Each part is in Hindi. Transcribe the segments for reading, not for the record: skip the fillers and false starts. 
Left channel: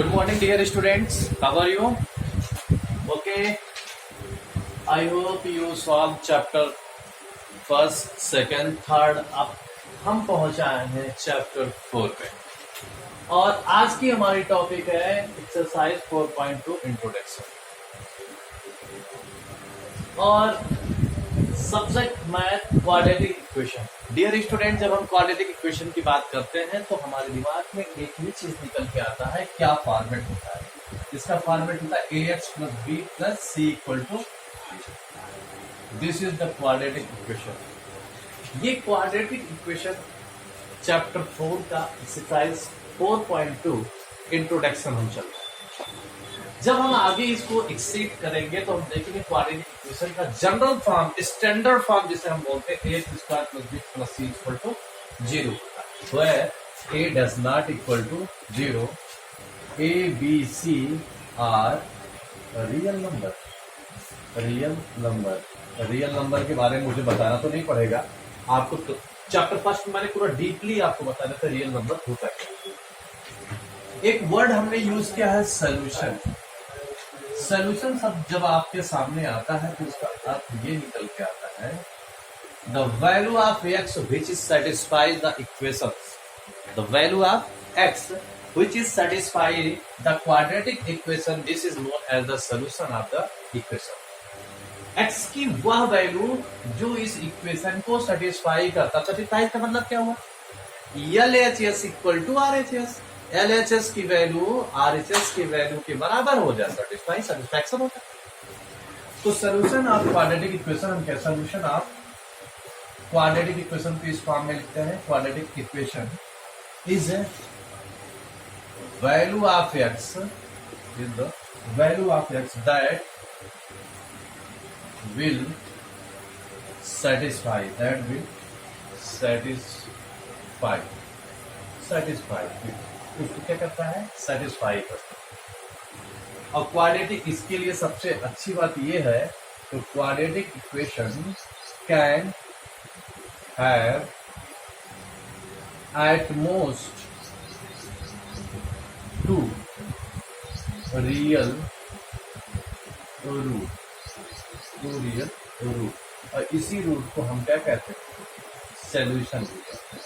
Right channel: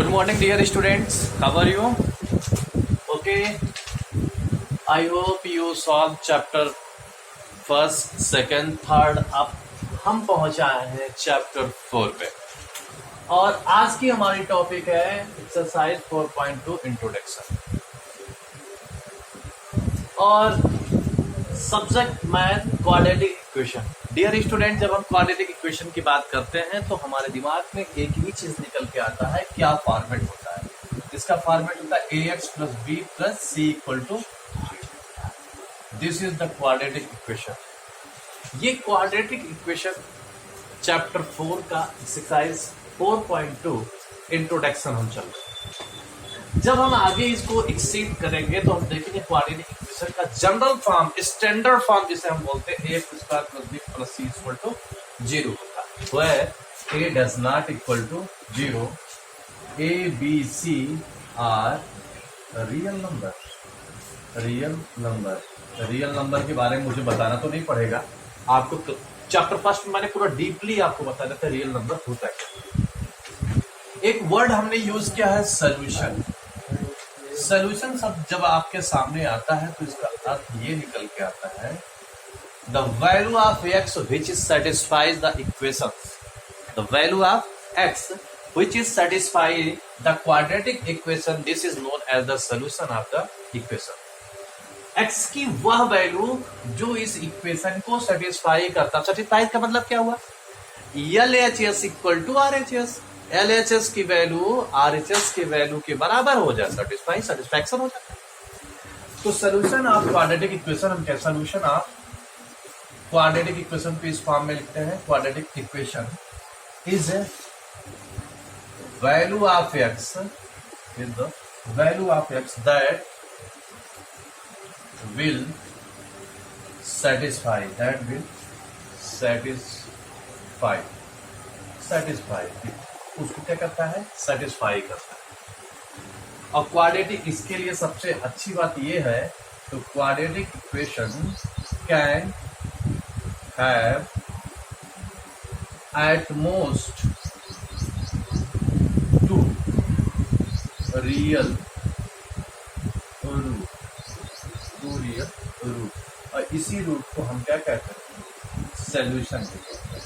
Good morning, dear students. How are you? Okay. I hope you solve chapter first, second, third. अब हम पहुंच आए हैं चैप्टर 4 पे और आज की हमारी टॉपिक है एक्सरसाइज 4.2 इंट्रोडक्शन और subject math quadratic equation. Dear student, जब हम क्वाड्रेटिक इक्वेशन की बात करते हैं तो हमारे दिमाग में एक ही चीज निकल के आता है, क्या फॉर्मेट होता है। इसका फॉर्मेट होता है ax plus B plus C equal to, this is the quadratic equation. ये क्वाड्रेटिक इक्वेशन चैप्टर 4 का एक्सरसाइज 4.2 इंट्रोडक्शन हम चल रहे हैं। जब हम आगे इसको एक्सीड करेंगे तो हम देखेंगे क्वाड्रेटिक इक्वेशन का जनरल फॉर्म, स्टैंडर्ड फॉर्म जिसे हम बोलते हैं a square plus B plus C equal to 0 होता है, where a does not equal to 0, a b c are real number. Real number के बारे में मुझे बताना तो नहीं पड़ेगा, आपको चैप्टर फर्स्ट में मैंने पूरा डीपली आपको बता देता है रियल नंबर होता क्या। एक वर्ड हमने यूज किया है सोल्यूशन। सोल्यूशन शब्द जब आपके सामने आता है तो इसका अर्थ ये निकल के आता है, the value of x which is satisfies the equation, the value of x which is satisfy the quadratic equation, this is known as the solution of the equation। x की वह वैल्यू जो इस इक्वेशन को सेटिस्फाई करता। सेटिस्फाई का मतलब क्या हुआ, LHS equal to RHS, LHS की वैल्यू RHS की वैल्यू के बराबर हो जाए, सेटिस्फैक्शन हो जाता है। तो सोल्यूशन ऑफ क्वाड्रेटिक इक्वेशन हम क्या, सोल्यूशन ऑफ क्वाड्रेटिक इक्वेशन को इस फॉर्म में लिखते हैं, quadratic equation is value of x is the value of x that will satisfy उसको क्या करता है, सेटिस्फाई करता है। और क्वाड्रेटिक, इसके लिए सबसे अच्छी बात ये है तो quadratic equation can have at most real root, और इसी रूट को हम क्या कहते हैं, सॉल्यूशन कहते हैं,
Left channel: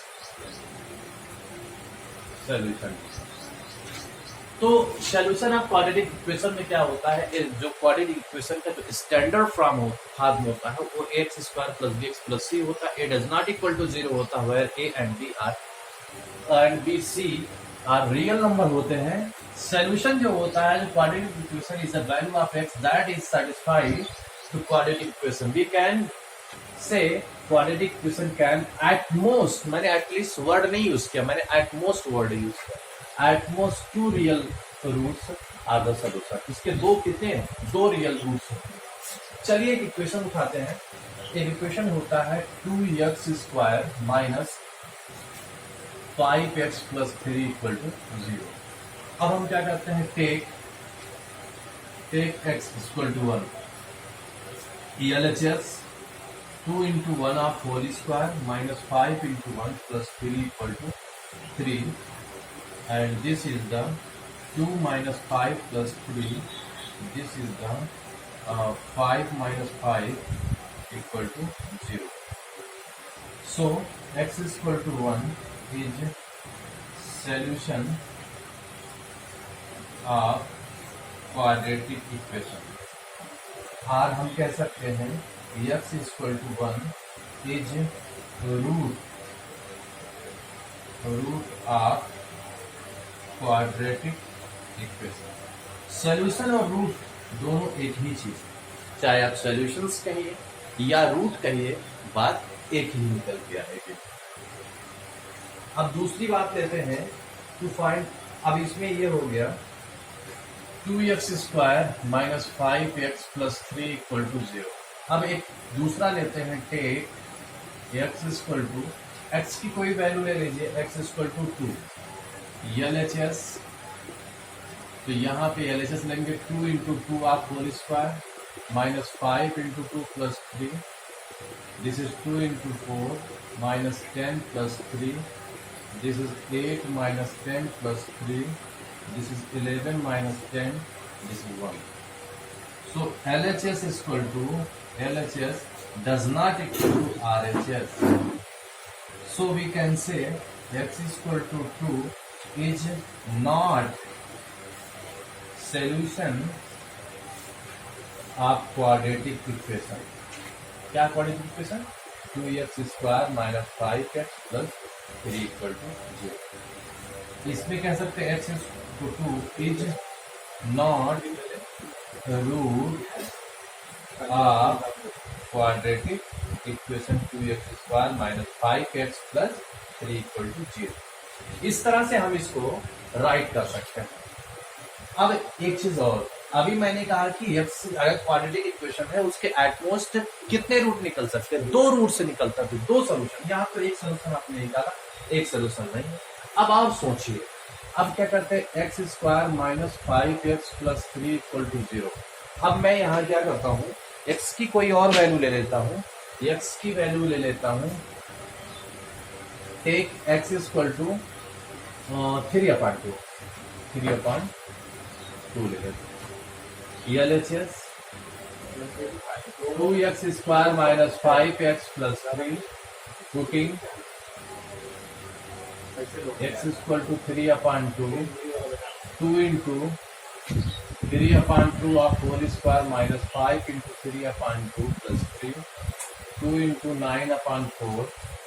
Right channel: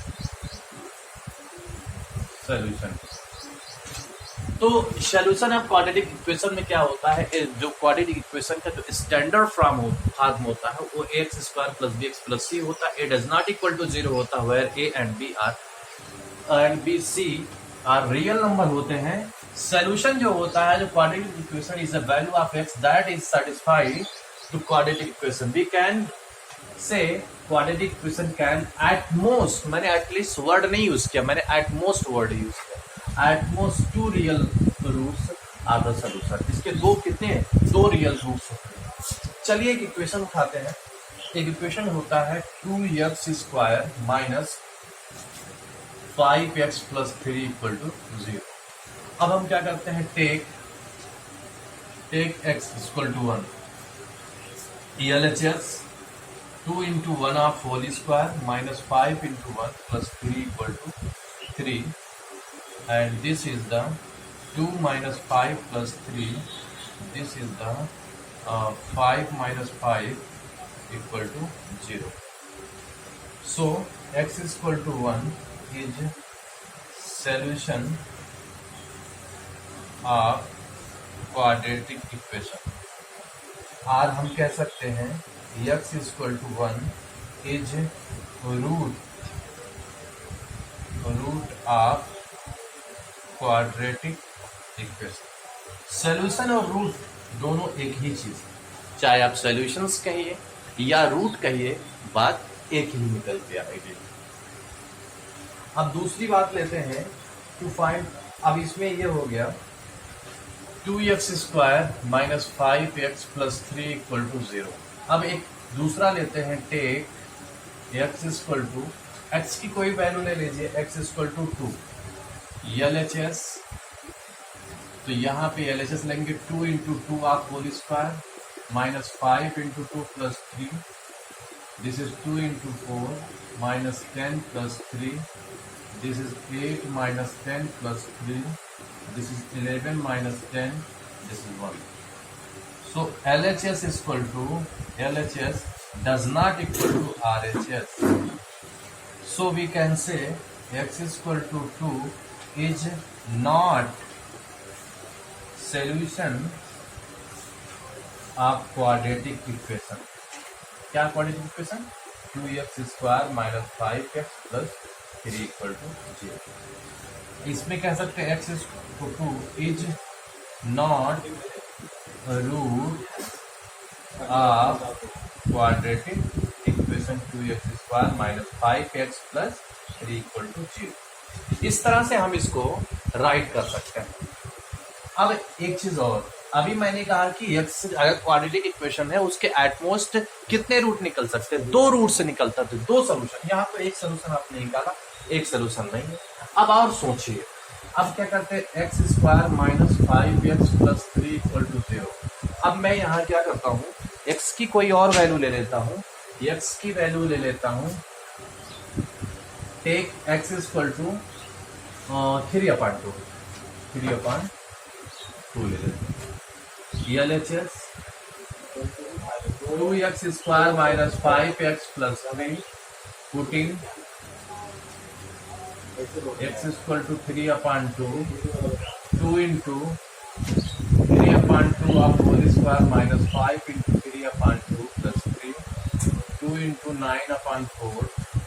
सॉल्यूशन। तो सॉल्यूशन ऑफ क्वाड्रेटिक इक्वेशन में क्या होता है, जो क्वाड्रेटिक इक्वेशन का जो स्टैंडर्ड फॉर्म होता है वो x square plus b x plus c होता है, a does not equal to 0 होता है, where a and b c are real number होते हैं। सोल्यूशन जो होता है, जो quadratic equation is the value of x that is satisfied to quadratic equation. We can say quadratic equation can at most, मैंने एटलीस्ट वर्ड नहीं यूज किया, मैंने एट मोस्ट वर्ड यूज किया, at most 2 real roots are the solution. इसके दो रियल रूट्स होते हैं। चलिए एक इक्वेशन उठाते हैं। एक इक्वेशन होता है 2x square minus 5x plus 3 equal to 0। अब हम क्या करते हैं, take x equal to 1, LHS 2 into 1 of whole square minus 5 into 1 plus 3 equal to 3, and this is the 2 minus 5 plus 3, this is the 5 minus 5 equal to 0। So x equal to 1 is solution of quadratic equation। और हम कह सकते हैं x equal to 1 is root of quadratic equation. Solution और रूट दोनों एक ही चीज, चाहे आप सोल्यूशंस कहिए या रूट कहिए, बात एक ही निकल के आएगी। अब दूसरी बात लेते हैं टू फाइंड, अब इसमें ये हो गया 2x square minus 5x plus 3 equal to 0। अब एक दूसरा लेते हैं, take x equal to, x की कोई वैल्यू ले लीजिए, x इक्वल टू 2, LHS, तो यहाँ पे LHS लेंगे 2 into 2 of whole square minus 5 into 2 plus 3, this is 2 into 4 minus 10 plus 3, this is 8 minus 10 plus 3, this is 11 minus 10, this is 1. So LHS is equal to, LHS does not equal to RHS. So we can say x is equal to 2 is not solution of quadratic equation. क्या quadratic equation? 2x square minus 5x plus 3 equal to 0. इसमें कह सकते हैं x is equal to 2 is not root of quadratic equation 2x square minus 5x plus 3 equal to 0. इस तरह से हम इसको राइट कर सकते हैं। अब एक चीज और, अभी मैंने कहा कि x अगर क्वाड्रेटिक इक्वेशन है उसके एटमोस्ट कितने रूट निकल सकते हैं? 2 रूट से निकलता है, 2 सोल्यूशन। यहाँ पर एक सोल्यूशन आपने निकाला, एक सोल्यूशन नहीं है। अब आप सोचिए, अब क्या करते हैं? X square minus 5x plus 3 equal to 0। अब मैं यहाँ क्या करता हूँ, x की कोई और वैल्यू ले लेता हूँ, x की वैल्यू ले लेता हूँ, टेक x इक्वल टू 3/2 ले लेते हैं। LHS 2x square minus 5x plus 3 putting x equal to 3/2 2 into 3/2 of whole square minus 5 into 3/2 plus 3 2 into 9/4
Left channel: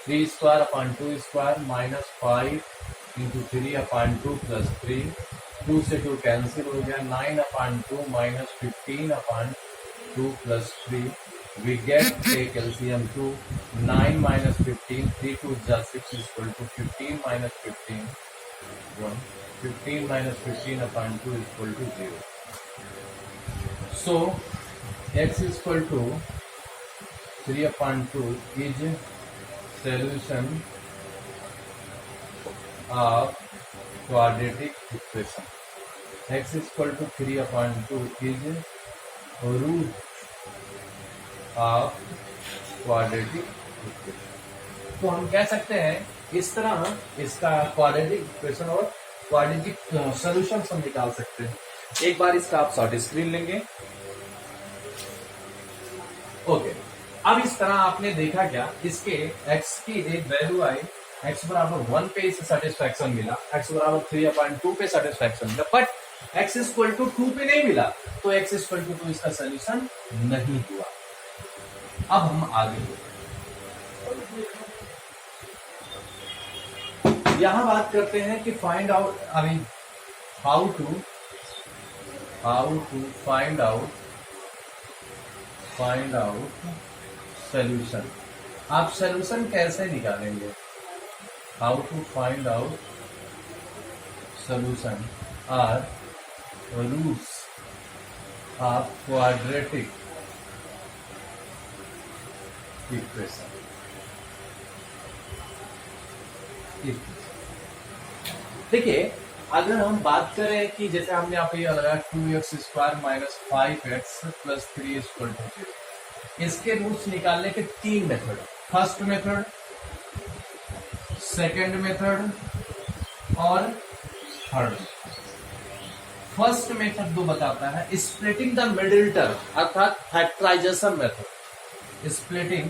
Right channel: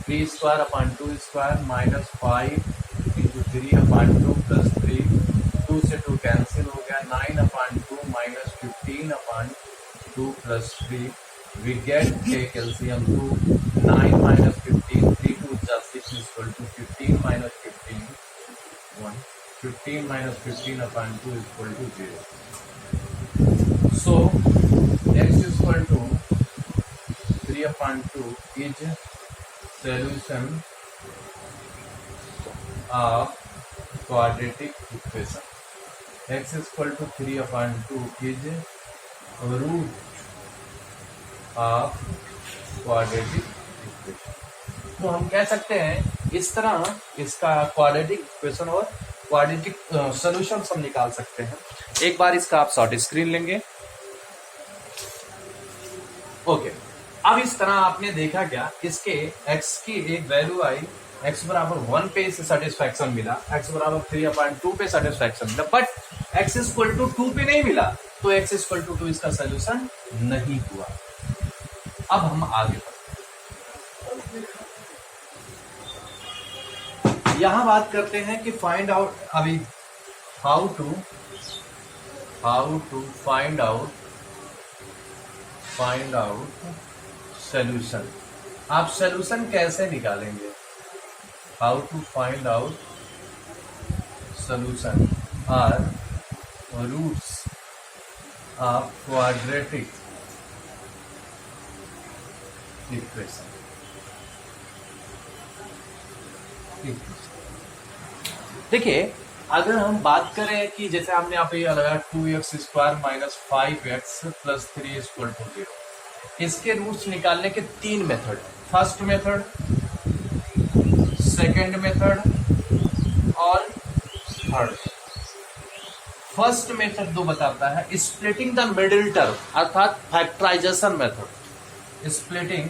3 square upon 2 square minus 5 into 3/2 plus 3 2 से 2 कैंसिल हो गया 9/2 minus 15/2 plus 3 we get take LCM 2 9 minus 15 3 2 just 6 is equal to 15 minus 15 1 15 minus 15/2 is equal to 0. So x is equal to 3/2 is solution of quadratic equation. X is equal to 3/2 is root of quadratic equation. तो हम कह सकते हैं इस तरह इसका क्वाड्रेटिक इक्वेशन और क्वाड्रेटिक सॉल्यूशन हम निकाल सकते हैं। एक बार इसका आप शॉर्ट स्क्रीन लेंगे। ओके, अब इस तरह आपने देखा क्या, इसके x की एक वैल्यू आई, x बराबर 1 पे इसे सेटिस्फैक्शन मिला, x बराबर 3/2 पे सेटिस्फैक्शन मिला, बट x इक्वल टू 2 पे नहीं मिला, तो x इक्वल टू 2 इसका सोल्यूशन नहीं हुआ। अब हम आगे बढ़ते, यहां बात करते हैं कि फाइंड आउट, अभी how to find out solution. आप सोल्यूशन कैसे निकालेंगे? How to find out solution or roots of quadratic equation. देखिए, अगर हम बात करें कि जैसे हमने यहाँ पे लगाया 2x square minus 5x plus 3 equal to 0, इसके रूट्स निकालने के 3 method, first method, second method और थर्ड। फर्स्ट मेथड जो बताता है स्प्लिटिंग द मिडिल टर्म अर्थात factorisation method, splitting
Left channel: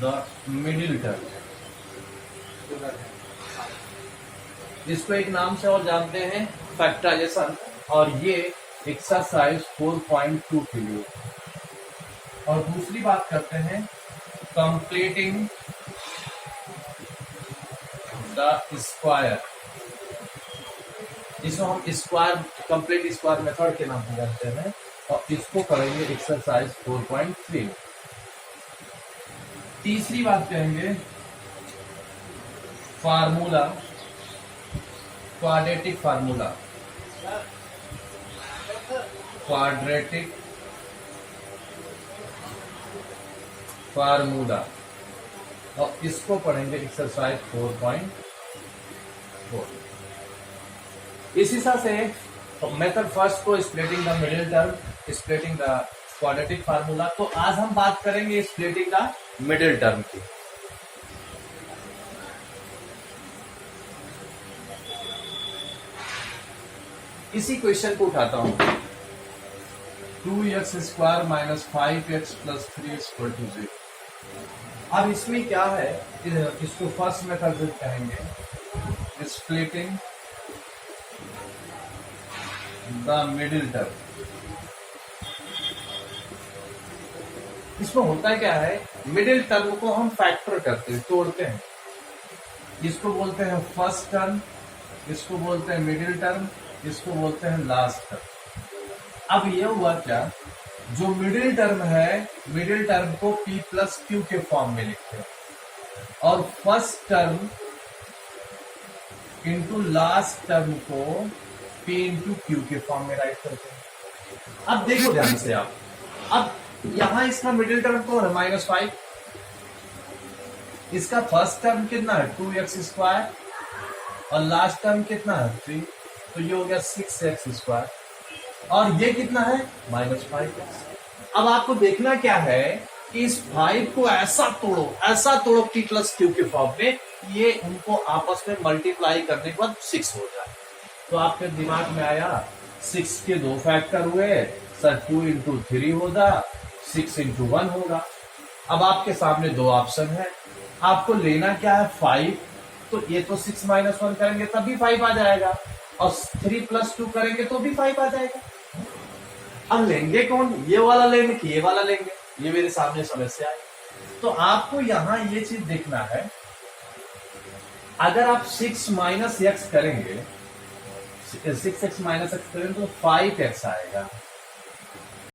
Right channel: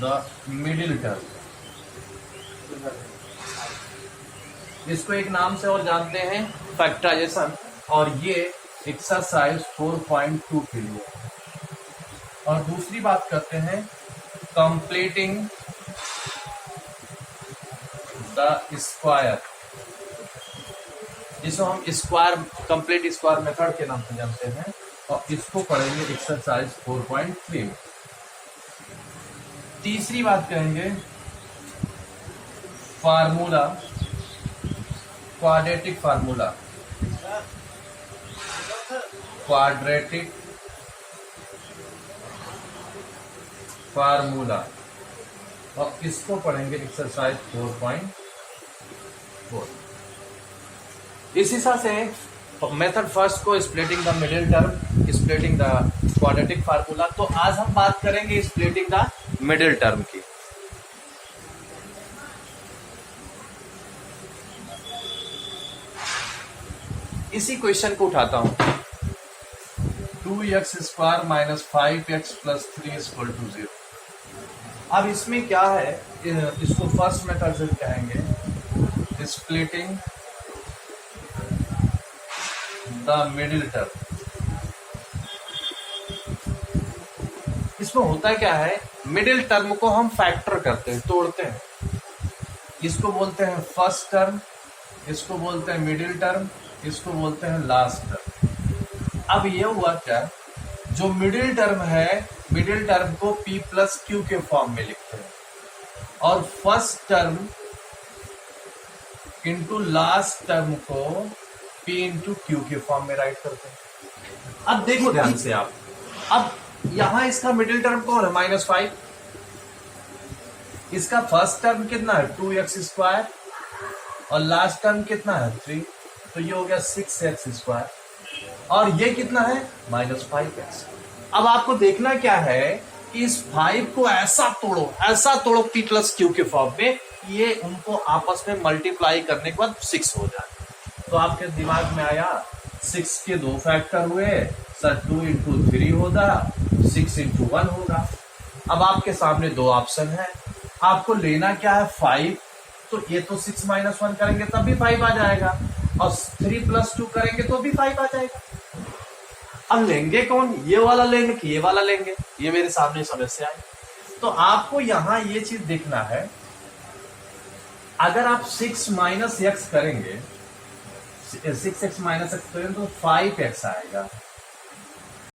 the middle term. इसको एक नाम से और जानते हैं, फैक्टराइजेशन, और ये एक्सरसाइज 4.2 के लिए। और दूसरी बात करते हैं कंप्लीटिंग द स्क्वायर, जिसको हम स्क्वायर कंप्लीट स्क्वायर मेथड के नाम से जानते हैं, और इसको पढ़ेंगे एक्सरसाइज 4.3 में। तीसरी बात करेंगे formula, quadratic formula, quadratic formula, और इसको पढ़ेंगे एक्सरसाइज 4.4। इस हिसाब से मेथड फर्स्ट को splitting the middle term, splitting the quadratic formula. तो आज हम बात करेंगे स्प्लिटिंग द मिडिल टर्म की। इसी क्वेश्चन को उठाता हूं, 2x² minus 5x plus 3 equal to 0। अब इसमें क्या है, इसको फर्स्ट मेथड से कहेंगे स्प्लिटिंग द मिडिल टर्म। इसमें होता क्या है, मिडिल टर्म को हम फैक्टर करते हैं, तोड़ते हैं। इसको बोलते हैं फर्स्ट टर्म, इसको बोलते हैं मिडिल टर्म, इसको बोलते हैं लास्ट टर्म। अब ये हुआ क्या, जो मिडिल टर्म है, मिडिल टर्म को p प्लस क्यू के फॉर्म में लिखते हैं और first term into last term को p इंटू क्यू के फॉर्म में राइट करते हैं। अब देखो ध्यान से आप, अब यहां इसका मिडिल टर्म कौन है, -5। इसका फर्स्ट टर्म कितना है 2x² और लास्ट टर्म कितना है 3, तो ये हो गया 6x²। और ये कितना है -5x। अब आपको देखना क्या है कि इस 5 को ऐसा तोड़ो p प्लस क्यू के फॉर्म में, ये उनको आपस में मल्टीप्लाई करने के बाद 6 हो जाए। तो आपके दिमाग में आया 6 के 2 फैक्टर हुए सर, 2 इंटू 3 होगा, 6 इंटू 1 होगा। अब आपके सामने 2 ऑप्शन है, आपको लेना क्या है 5, तो ये तो 6 माइनस 1 करेंगे तब भी 5 आ जाएगा, और 3 प्लस 2 करेंगे तो भी 5 आ जाएगा। अब लेंगे कौन, ये वाला लेंगे कि ये वाला लेंगे, ये मेरे सामने समस्या है। तो आपको यहां ये चीज देखना है, अगर आप 6 माइनस एक्स करेंगे, 6x माइनस एक्स करेंगे तो 5x आएगा।